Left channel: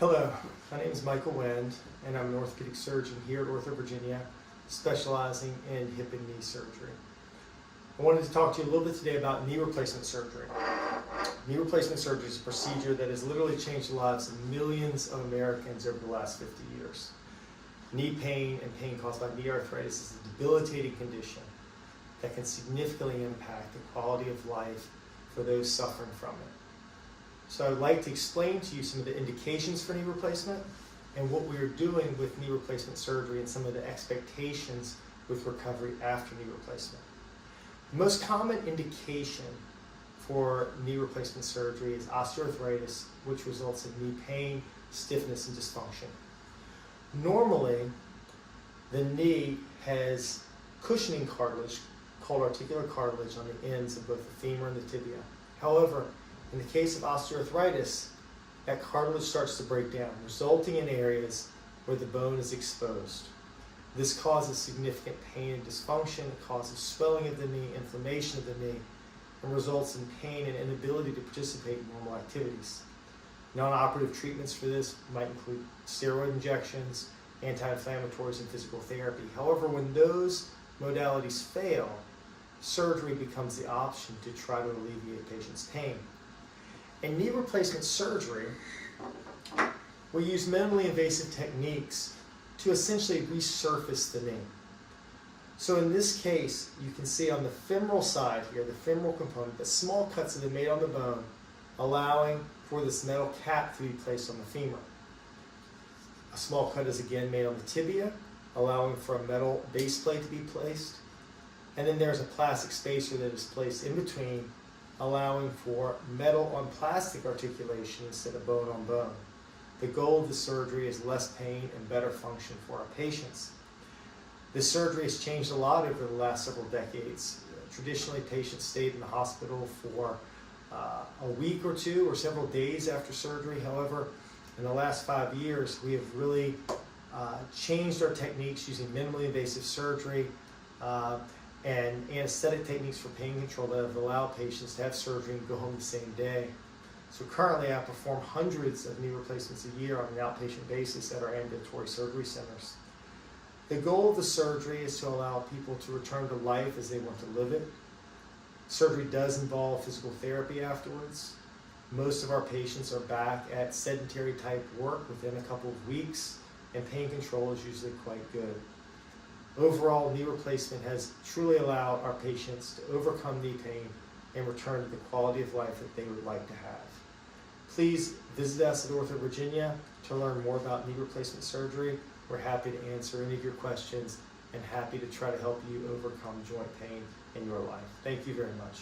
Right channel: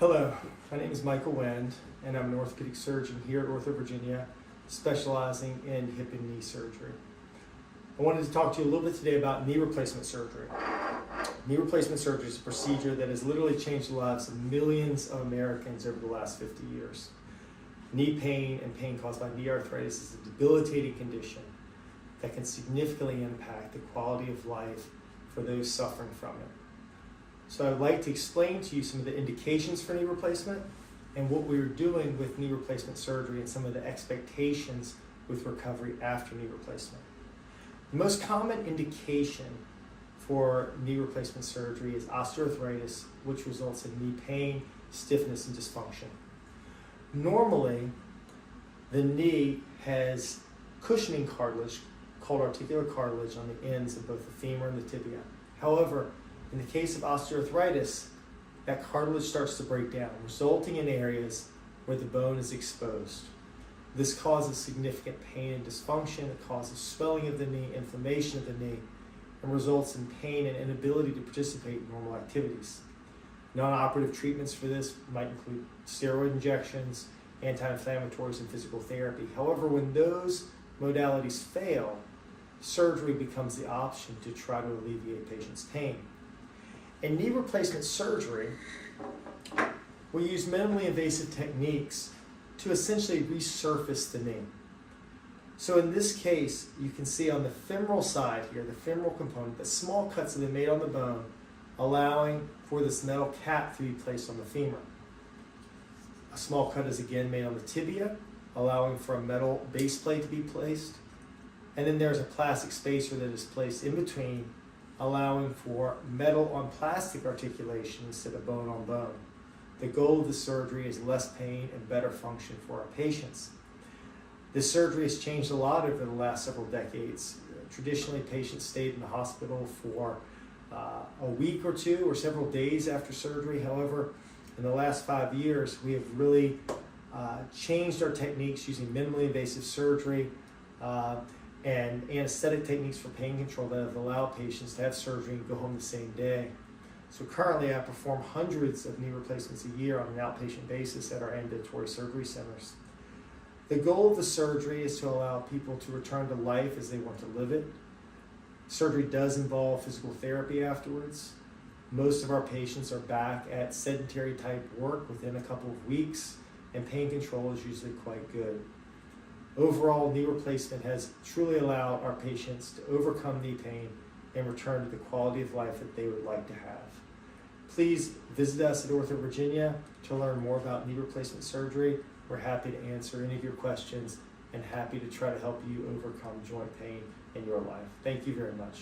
Hello, my name is Michael Wend, and I'm an orthopedic surgeon here at OrthoVirginia, specializing in hip and knee surgery. I wanted to talk to you a little bit today about knee replacement surgery. Knee replacement surgery is a procedure that has literally changed the lives of millions of Americans over the last 50 years. Knee pain and pain caused by knee arthritis is a debilitating condition that can significantly impact the quality of life for those suffering from it. So I'd like to explain to you some of the indications for knee replacement and what we're doing with knee replacement surgery and some of the expectations with recovery after knee replacement. The most common indication for knee replacement surgery is osteoarthritis, which results in knee pain, stiffness, and dysfunction. Normally, the knee has cushioning cartilage called articular cartilage on the ends of both the femur and the tibia. However, in the case of osteoarthritis, that cartilage starts to break down, resulting in areas where the bone is exposed. This causes significant pain and dysfunction. It causes swelling of the knee, inflammation of the knee, and results in pain and inability to participate in normal activities. Non-operative treatments for this might include steroid injections, anti-inflammatories, and physical therapy. However, when those modalities fail, surgery becomes the option to try to alleviate patients' pain. In knee replacement surgery, we use minimally invasive techniques to essentially resurface the knee. So in this case, you can see on the femoral side here, the femoral component, that small cuts have been made on the bone, allowing for this metal cap to be placed on the femur. A small cut is again made on the tibia, allowing for a metal base plate to be placed. And then there's a plastic spacer that is placed in between, allowing for metal on plastic articulation instead of bone on bone. The goal of the surgery is less pain and better function for our patients. This surgery has changed a lot over the last several decades. Traditionally, patients stayed in the hospital for a week or two or several days after surgery. However, in the last 5 years, we have really changed our techniques using minimally invasive surgery and anesthetic techniques for pain control that have allowed patients to have surgery and go home the same day. So currently I perform hundreds of knee replacements a year on an outpatient basis at our ambulatory surgery centers. The goal of the surgery is to allow people to return to life as they want to live it. Surgery does involve physical therapy afterwards. Most of our patients are back at sedentary type work within a couple of weeks, and pain control is usually quite good. Overall, knee replacement has truly allowed our patients to overcome knee pain and return to the quality of life that they would like to have. Please visit us at OrthoVirginia to learn more about knee replacement surgery. We're happy to answer any of your questions and happy to try to help you overcome joint pain in your life. Thank you very much.